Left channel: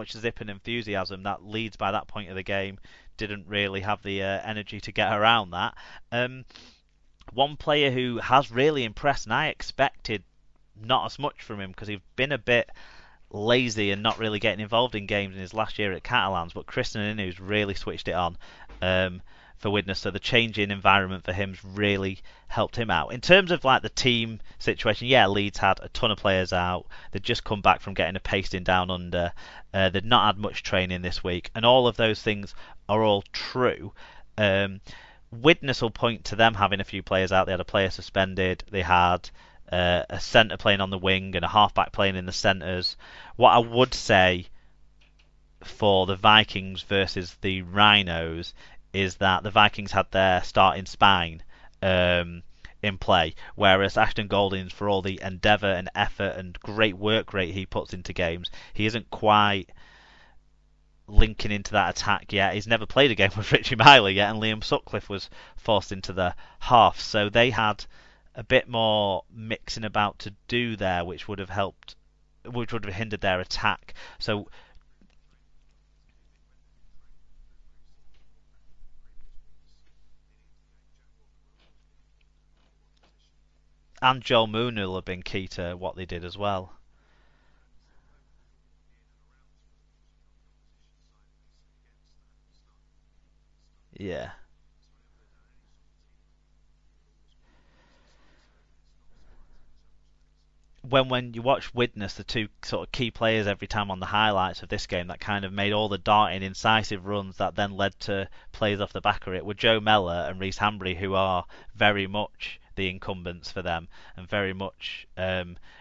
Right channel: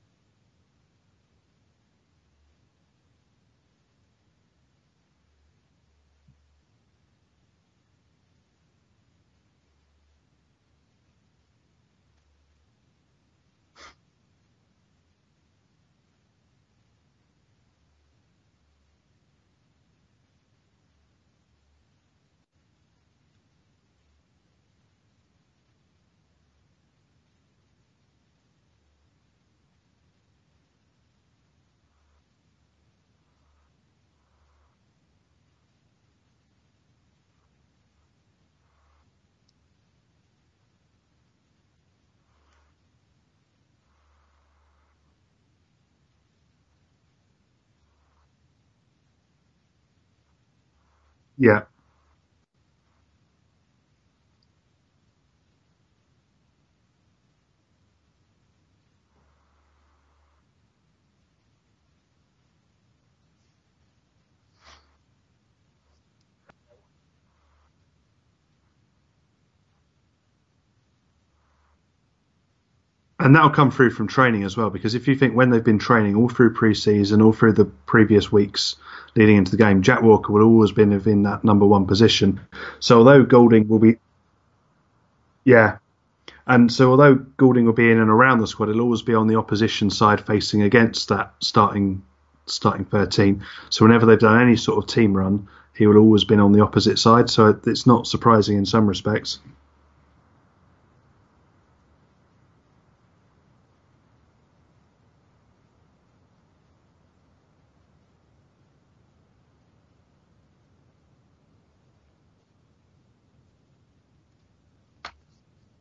much zip and enthusiasm that Leeds by that point of the game didn't really have the energy to get around that. One player who has really impressed, and I expected not as much from him because he's been a bit lazy and not really getting involved in games in his last year at Catalans, but Christian Inu's really switched it on for Widnes, so the change in environment for him's really helped him out. In terms of like the team situation, yeah, Leeds had a ton of players out. They'd just come back from getting a pasting down under. They'd not had much training this week, and all of those things are all true. Widnes will point to them having a few players out. They had a player suspended. They had a centre playing on the wing and a halfback playing in the centres. What I would say for the Vikings versus the Rhinos is that the Vikings had their starting spine in play, whereas Ashton Goldings, for all the endeavour and effort and great work rate he puts into games, he isn't quite linking into that attack yet. He's never played a game with Richie Miley yet, and Liam Sutcliffe was forced into the half, so they had a bit more mixing about to do there, which would have helped, which would have hindered their And that'll attack. come through from training as well, because if you think when they've been training all through pre-season, all through the previous weeks leading into the game, Jack Walker would always been in that number one position. So although Golding will be... And Joel Moon will have been key to what they did as well. And so although Golding will be in and around the squad, he'll always be on the opposition side facing against that starting 13. So whenever they've done any sort of team run, he will always been on the opposite side. So it's not surprising in some respects. When you watch Widnes, the two sort of key players every time on the highlights of this game that kind of made all the darting, incisive runs that then led to plays off the back of it were Joe Mellor and Reece Hambry, who are very much the incumbents for them and very much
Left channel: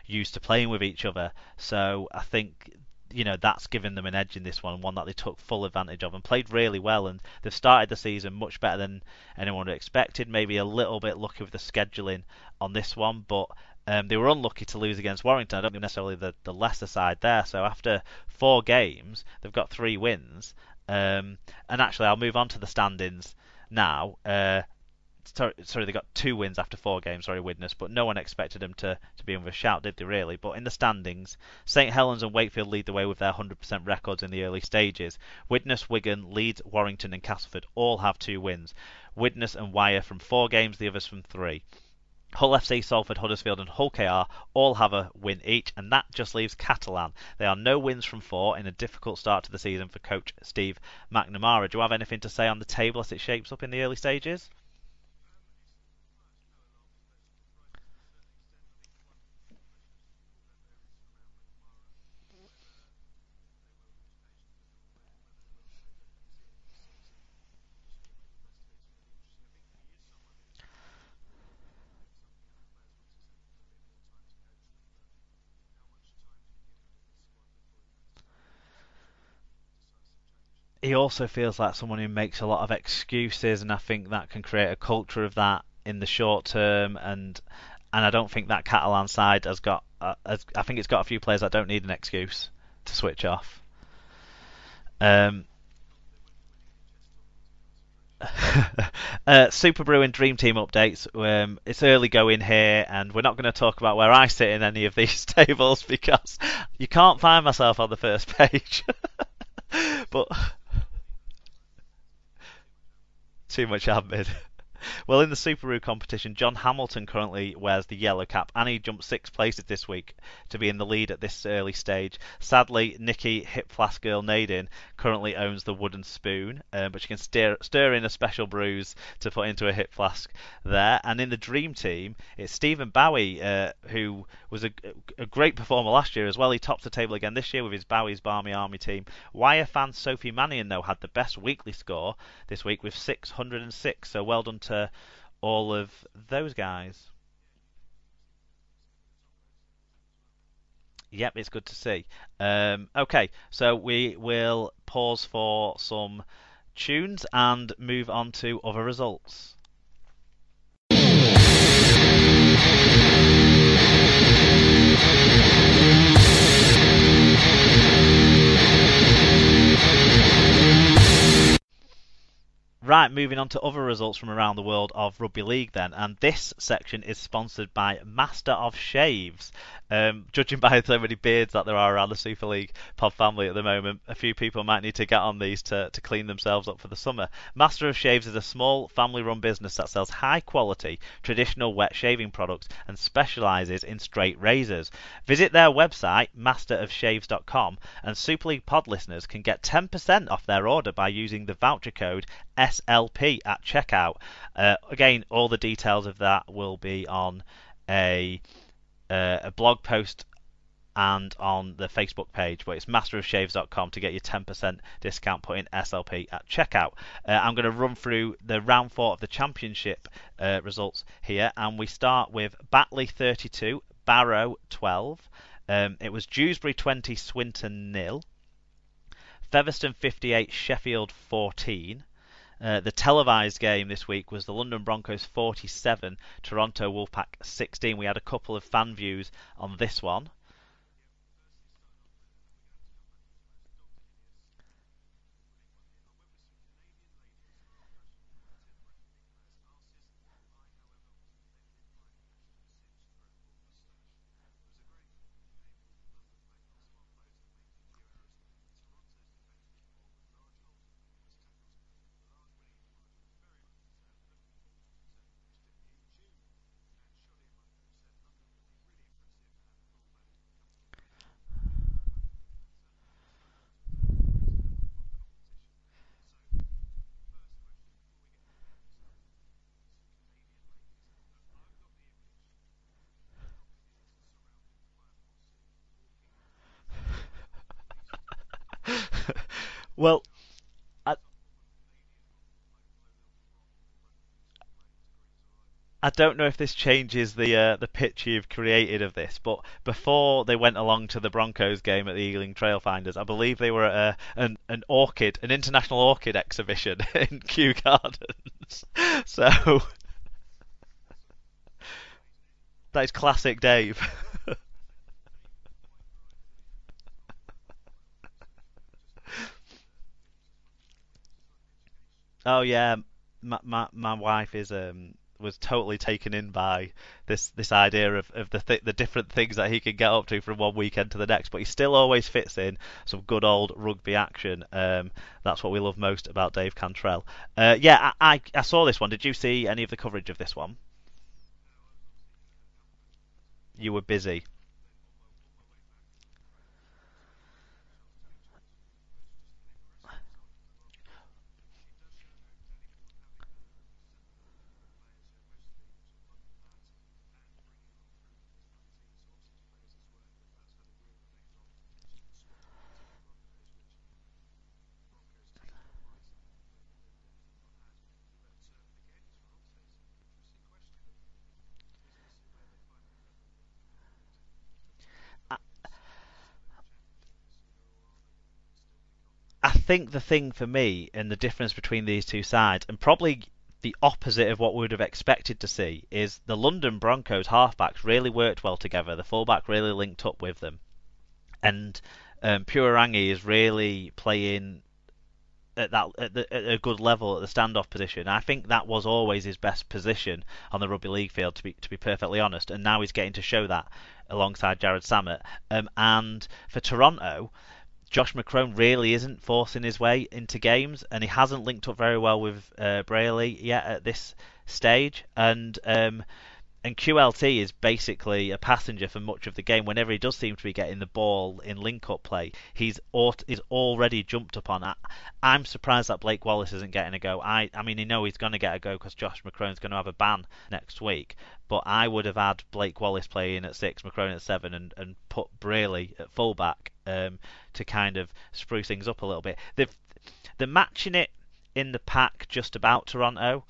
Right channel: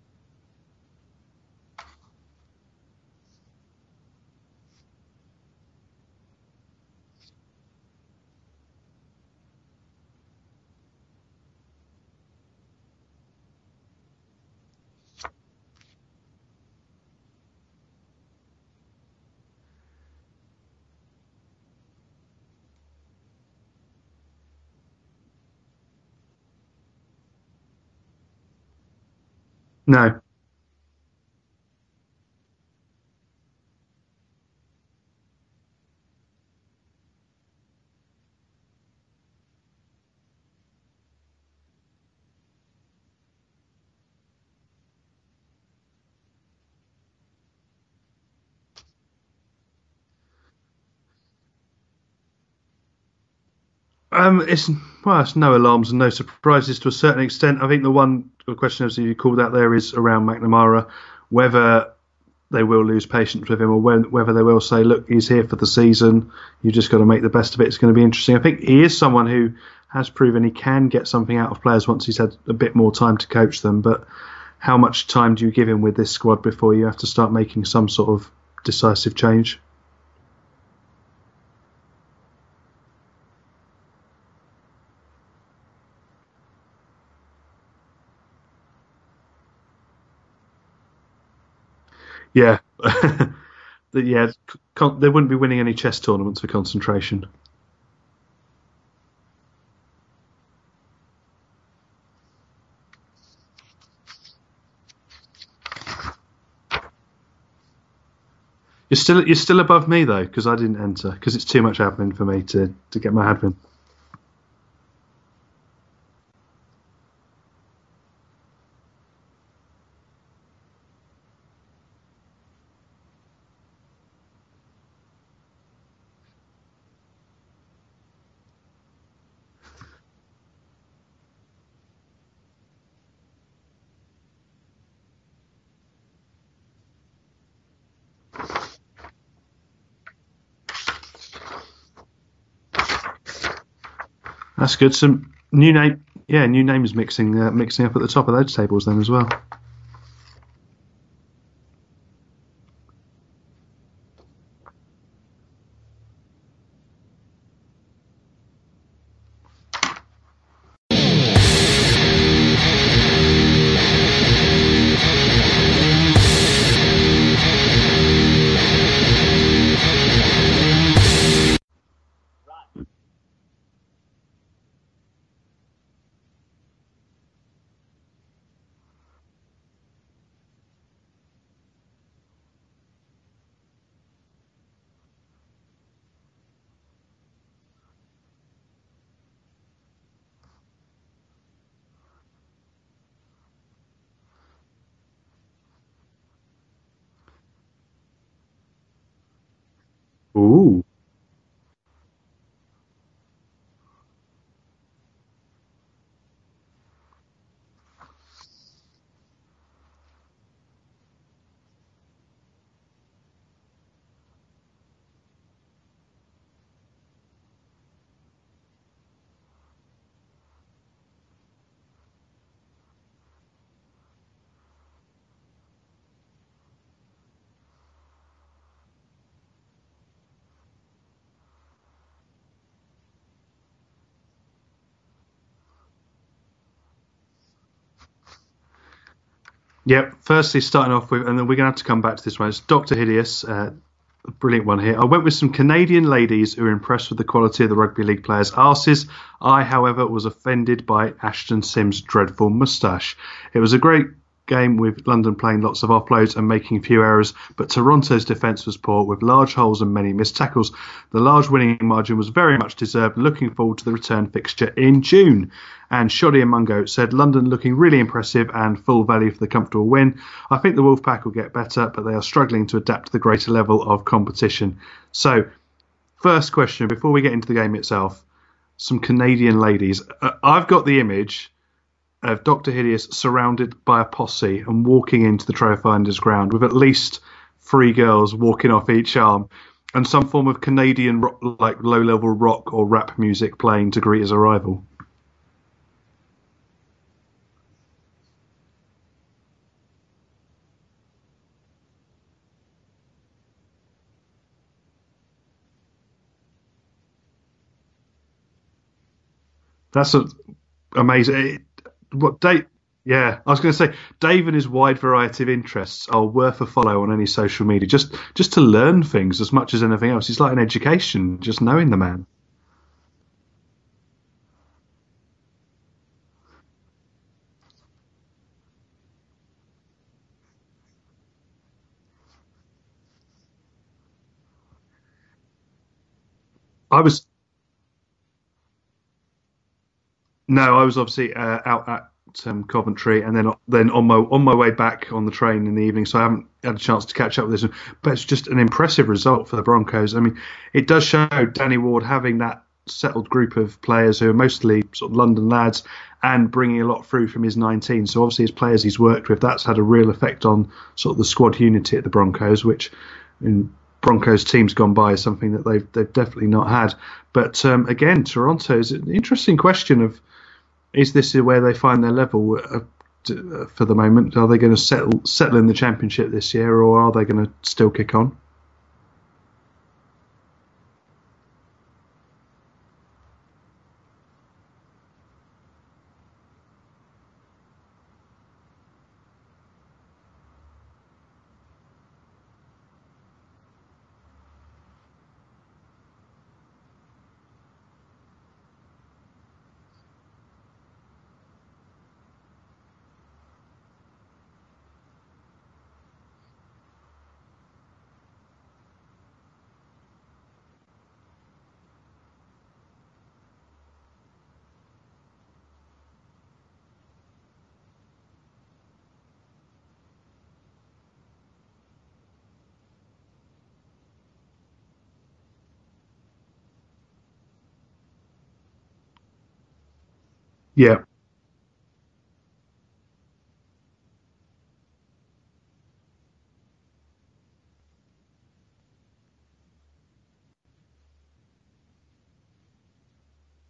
used to playing with each other. So I think that's given them an edge in this one that they took full advantage of and played really well. And they've started the season much better than anyone had expected. Maybe a little bit lucky with the scheduling on this one, but they were unlucky to lose against Warrington. I don't think necessarily the lesser side there. So after 4 games, they've got 3 wins. And actually, I'll move on to the standings now. Sorry, they got 2 wins after 4 games, Widnes, but no one expected them to be in with a shout, did they really? But in the standings, St Helens and Wakefield lead the way with their 100% records in the early stages. Widnes, Wigan, Leeds, Warrington and Castleford all have 2 wins. Widnes and Wyre from 4 games, the others from 3. Hull FC, Salford, Huddersfield and Hull KR all have a win each, and that just leaves Catalan. They are no wins from 4 in a difficult start to the season for coach Steve McNamara. Do you have anything to say on the table as it shapes up in the early stages? It's no alarms and no surprises to a certain extent. I think the question obviously you called out there is around McNamara, whether they will lose patience with him or whether they will say, look, he's here for the season, you've just got to make the best of it. It's going to be interesting. I think he is someone who has proven he can get something out of players once he's had a bit more time to coach them. But how much time do you give him with this squad before you have to start making some sort of decisive change? He also feels like someone who makes a lot of excuses, and I think that can create a culture of that in the short term. And I don't think that Catalan side has got. I think it's got a few players that don't need an excuse. Yeah. To switch off. They wouldn't be winning any chess tournaments for concentration. Super Bruin Dream Team updates. It's early going here, and we're not going to talk about where I sit in any of these tables because you can't find myself on the first page. You're still above me though, because I didn't enter because it's too much admin for me to get my admin. Too much admin. Well, in the Superoo competition, John Hamilton currently wears the yellow cap, and he jumped 6 places this week to be in the lead at this early stage. Sadly, Nikki Hip Flask Girl Nadin currently owns the wooden spoon, but she can stir in a special brews to put into a hip flask there. And in the Dream Team, it's Stephen Bowie, who was a great performer last year as well. He tops the table again this year with his Bowie's Barmy Army team. Wire fan Sophie Mannion, though, had the best weekly score this week with 606. So well done. That's good. Some new names mixing up at the top of those tables then as well. Yep, it's good to see. Okay, so we will pause for some tunes and move on to other results. Right, moving on to other results from around the world of rugby league then, and this section is sponsored by Master of Shaves. Judging by so many beards that there are around the Super League pod family at the moment, a few people might need to get on these to clean themselves up for the summer. Master of Shaves is a small family-run business that sells high-quality, traditional wet shaving products and specialises in straight razors. Visit their website, masterofshaves.com, and Super League pod listeners can get 10% off their Ooh. order by using the voucher code SLP at checkout. Again, all the details of that will be on a blog post and on the Facebook page, where it's masterofshaves.com to get your 10% discount. Put in SLP at checkout. I'm going to run through the round 4 of the championship results here, and we start with Batley 32, Barrow 12. It was Dewsbury 20, Swinton 0. Featherstone 58, Sheffield 14. The televised game this week was the London Broncos 47, Toronto Wolfpack 16. We had a couple of fan views on this one. Firstly, starting off with, and then we're going to have to come back to this one. It's Dr. Hideous, a brilliant one here. I went with some Canadian ladies who were impressed with the quality of the rugby league players' arses. I, however, was offended by Ashton Sims' dreadful moustache. It was a great game with London playing lots of offloads and making few errors, but Toronto's defence was poor with large holes and many missed tackles. The large winning margin was very much deserved. Looking forward to the return fixture in June. And Shoddy and Mungo said London looking really impressive and full value for the comfortable win. I think the Wolfpack will get better, but they are struggling to adapt to the greater level of competition. So, first question before we get into the game itself, some Canadian ladies. I've got the image of Dr. Hideous surrounded by a posse and walking into the Trailfinders ground with at least 3 girls walking off each arm and some form of Canadian like low-level rock or rap music playing to greet his arrival. I don't know if this changes the picture you've created of this, but before they went along to the Broncos game at the Ealing Trailfinders, I believe they were at an international orchid exhibition in Kew Gardens. So that's amazing. What Dave? Yeah, I was going to say Dave and his wide variety of interests are worth a follow on any social media, just to learn things as much as anything else. It's like an education, just knowing the man. Oh yeah, my wife was totally taken in by this idea of the different things that he can get up to from one weekend to the next, but he still always fits in some good old rugby action. That's what we love most about Dave Campbell. I saw this one. Did you see any of the coverage of this? No, I was obviously out at Coventry, and then on my way back on the train in the evening, so I haven't had a chance to catch up with this one. But it's just an impressive result for the Broncos. I mean, it does show Danny Ward having that settled group of players who are mostly sort of London lads and bringing a lot through from his 19. So obviously his players he's worked with, that's had a real effect on sort of the squad unity at the Broncos, which in Broncos teams gone by is something that they've definitely not had. But again, Toronto is an interesting question of, is this where they find their level for the moment? Are they going to settle in the championship this year, or are they going to still kick on? I think the thing for me and the difference between these two sides, and probably the opposite of what we would have expected to see, is the London Broncos halfbacks really worked well together. The fullback really linked up with them, and Purangi is really playing at a good level at the standoff position. I think that was always his best position on the rugby league field, to be perfectly honest. And now he's getting to show that alongside Jared Samet. And for Toronto, Josh McCrone really isn't forcing his way into games, and he hasn't linked up very well with Brayley yet at this stage. And QLT is basically a passenger for much of the game. Whenever he does seem to be getting the ball in link-up play, he's already jumped upon. I'm surprised that Blake Wallace isn't getting a go. I mean, he's going to get a go because Josh McCrone's going to have a ban next week. But I would have had Blake Wallace playing at 6, McCrone at 7, and put Brayley at fullback to kind of spruce things up a little bit. They're matching it in the pack just about Toronto,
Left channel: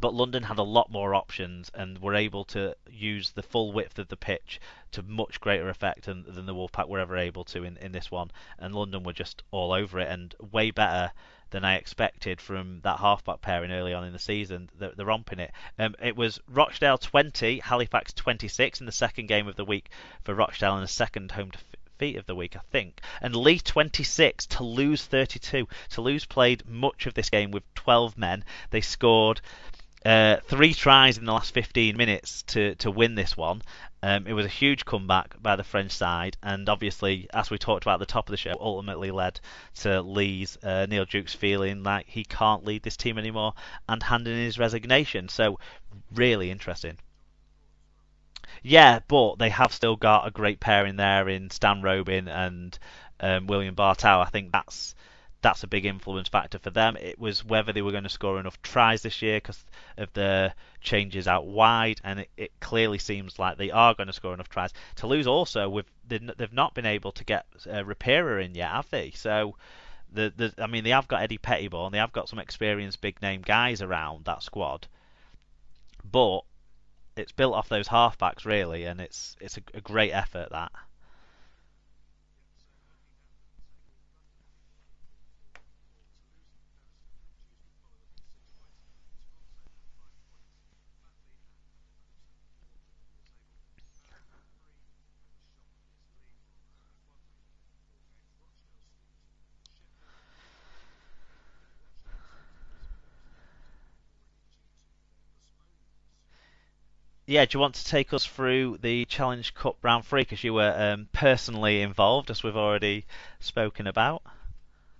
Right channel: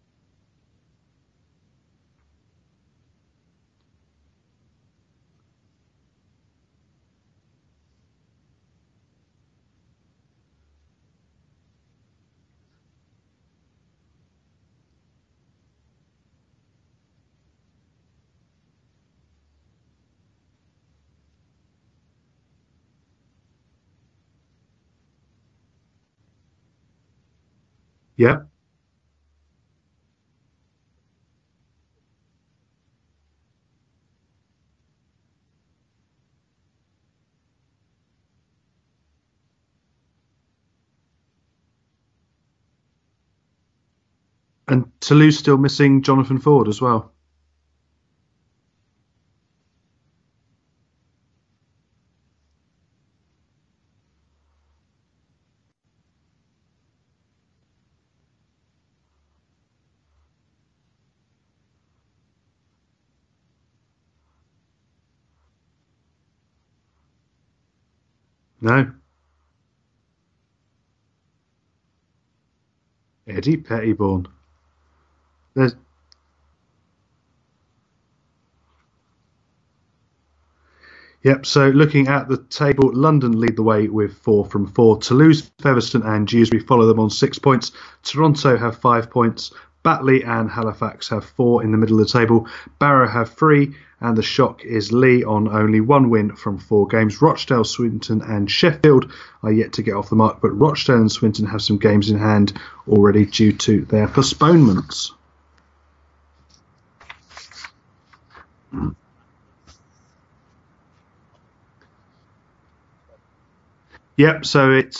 but London had a lot more options and were able to use the full width of the pitch to much greater effect than the Wolfpack were ever able to in this one. And London were just all over it and way better than I expected from that halfback pairing early on in the season. They're romping it. It was Rochdale 20, Halifax 26 in the second game of the week for Rochdale, and the second home defeat of the week, I think. And Leigh 26, Toulouse 32. Toulouse played much of this game with 12 men. They scored 3 tries in the last 15 minutes to win this one, It was a huge comeback by the French side, and obviously, as we talked about at the top of the show, ultimately led to Neil Jukes feeling like he can't lead this team anymore and handing in his And resignation. Toulouse So still missing Jonathan really Ford as interesting. well. Yeah, but they have still got a great pair in there in Stan Robin and William Bartow. I think that's a big influence factor for them. It was whether they were going to score enough tries this year because of the changes out wide, and it clearly seems like they are going to score enough tries. Toulouse also, they've not been able to get Rapira in yet, No, have they? So I mean, they have got Eddie Pettibone, they have got some experienced big name Eddie guys around Pettibone. that squad, There's but it's built off those halfbacks really, and it's a great effort that. Yep, so looking at the table, London lead the way with 4 from 4. Toulouse, Featherstone and Dewsbury follow them on 6 points. Toronto have 5 points. Batley and Halifax have 4 in the middle of the table. Barrow have 3, and the shock is Lee on only 1 win from 4 games. Rochdale, Swinton and Sheffield are yet to get off the mark, but Rochdale and Swinton have some games in hand already due to their postponements. Yeah, do you want to take us through the Challenge Cup round 3 because you were personally involved, as we've already spoken about? Yep, so it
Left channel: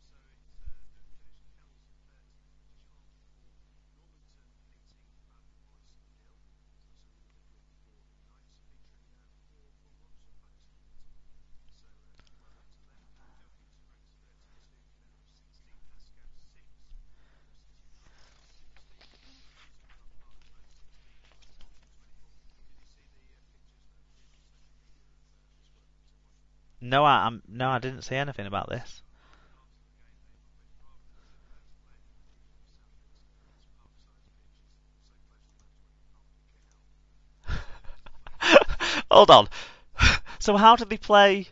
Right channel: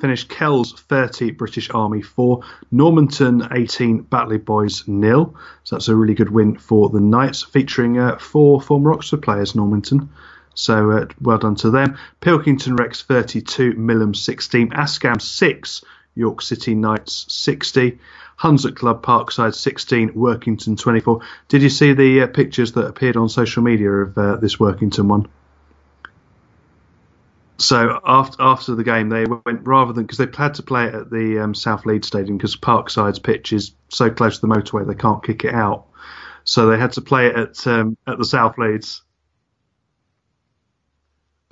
finished Kells 30, British Army 4, Normanton 18, Batley Boys 0. So that's a really good win for the Knights, featuring 4 former Oxford players, Normanton. So well done to them. Pilkington Rex 32, Millham 16, Ascam 6, York City Knights 60. Hunslet Club Parkside 16, Workington 24. Did you see the pictures that appeared on social media of this Workington one? No, I So didn't see anything about after the this. game, they went rather than because they had to play it at the South Leeds Stadium because Parkside's pitch is so close to the motorway they can't kick it out. So they had to play it at the South Leeds. Hold on. So how did they play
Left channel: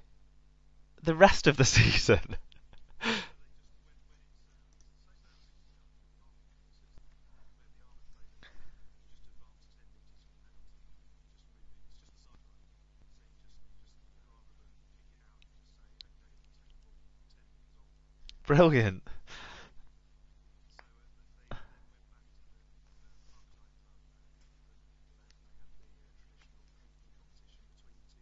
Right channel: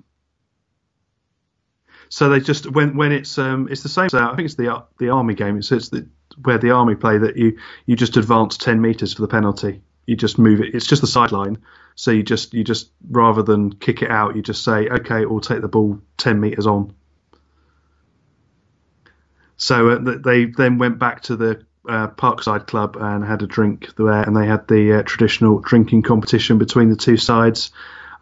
the rest of the season? So they just when it's the same. So I think it's the Army game. Where the Army play that you just advance 10 metres for the penalty. You just move it. It's just the sideline. So you just rather than kick it out, you just say, okay, we'll take the ball 10 metres on. Brilliant. So they then went back to the Parkside Club and had a drink there, and they had the traditional drinking competition between the two sides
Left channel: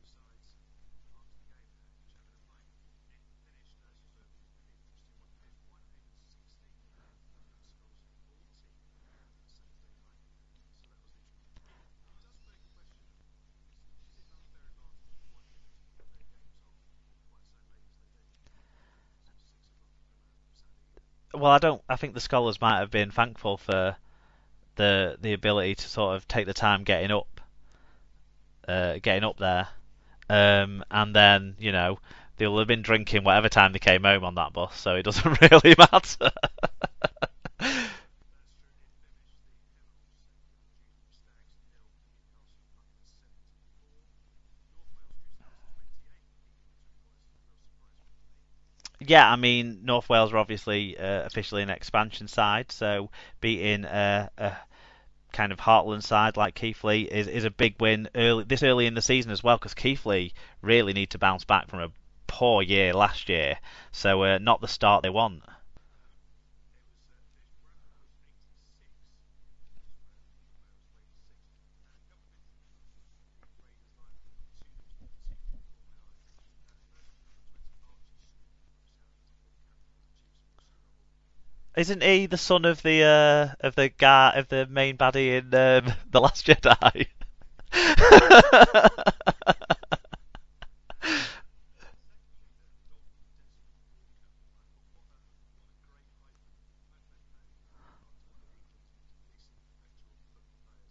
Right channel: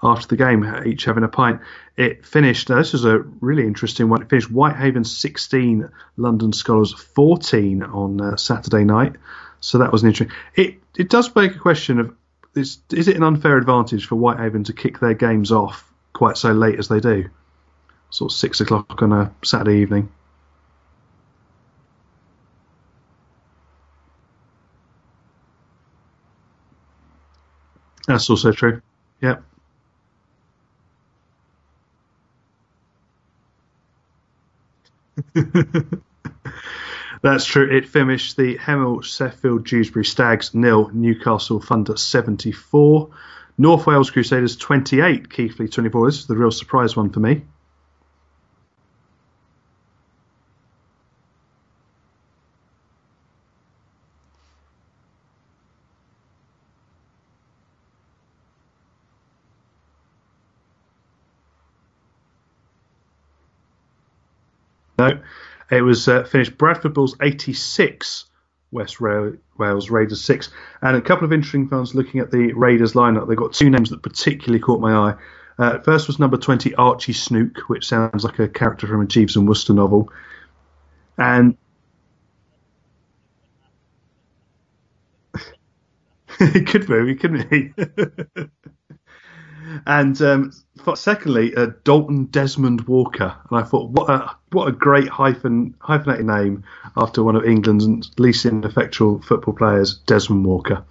after the game, each having a pint. It finished, this was a really interesting one, it finished Whitehaven 16, London Scholars 14 on Saturday night. So that was an interesting. It does beg a question of, is it an unfair advantage for Whitehaven to kick their games off quite so late as they do? Sort of 6 o'clock on a Saturday evening. Well, I think the Scholars might have been thankful for the ability to sort of take the time getting up, That's also true. getting up Yep. there. And then, they'll have been drinking whatever time they came home on that bus, so it doesn't really matter. That's true. It finished the Hemel, Sheffield, Dewsbury Stags 0, Newcastle Thunder 74, North Wales Crusaders 28, Keighley 24. This is the real surprise one for me. Yeah, I mean, North Wales are obviously officially an expansion side, so beating a kind of Heartland side like Keighley is a big win early in the season as well, because Keighley really need to bounce back from a poor year last year, so not the start they No, want. it was finished Bradford Bulls 86, Wales Raiders 6. And a couple of interesting ones looking at the Raiders lineup. They've got 2 names that particularly caught my eye. First was number 20, Archie Snook, which sounds like a character from a Jeeves and Wooster novel. And Isn't he the son of the guy of the main baddie in the Last he could Jedi? be, couldn't he? And secondly, Dalton Desmond Walker. And I thought, what a great hyphenated name after one of England's least ineffectual football players, Desmond Walker.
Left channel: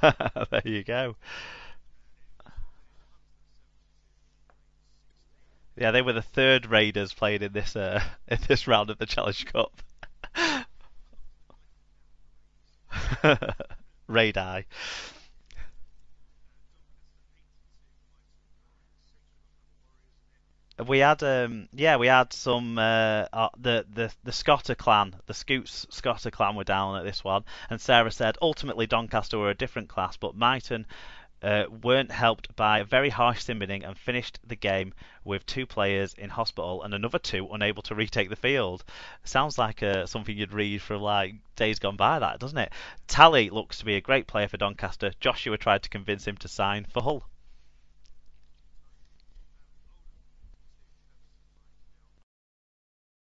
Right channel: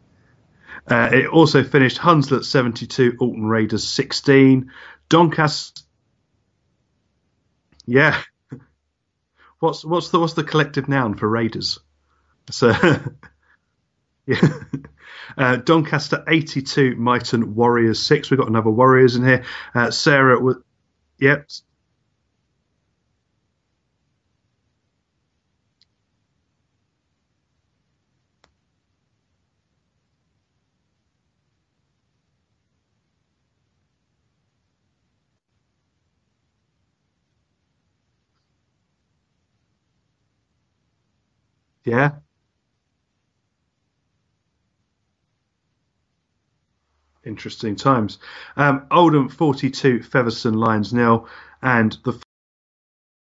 There you go. It also finished Hunslet 72, Alton Raiders 16. Doncaster. Yeah, they were the third Raiders playing in this Yeah. in this round of the Challenge Cup. What's the collective noun for Raiders? So Raiders. Doncaster 82, Myton Warriors 6. We've got another Warriors in here. Sarah was. We had Yep. we had some the Scotter clan, the Scoots Scotter clan were down at this one, and Sarah said ultimately Doncaster were a different class, but Myton weren't helped by very harsh simmering and finished the game with 2 players in hospital and another 2 unable to retake the field. Sounds like something you'd read from like Days Gone Yeah, By, that, doesn't it? Tally looks to be a great player for Doncaster. Joshua tried to convince him to sign for Hull. interesting times. Oldham 42, Featherstone Lions 0, and the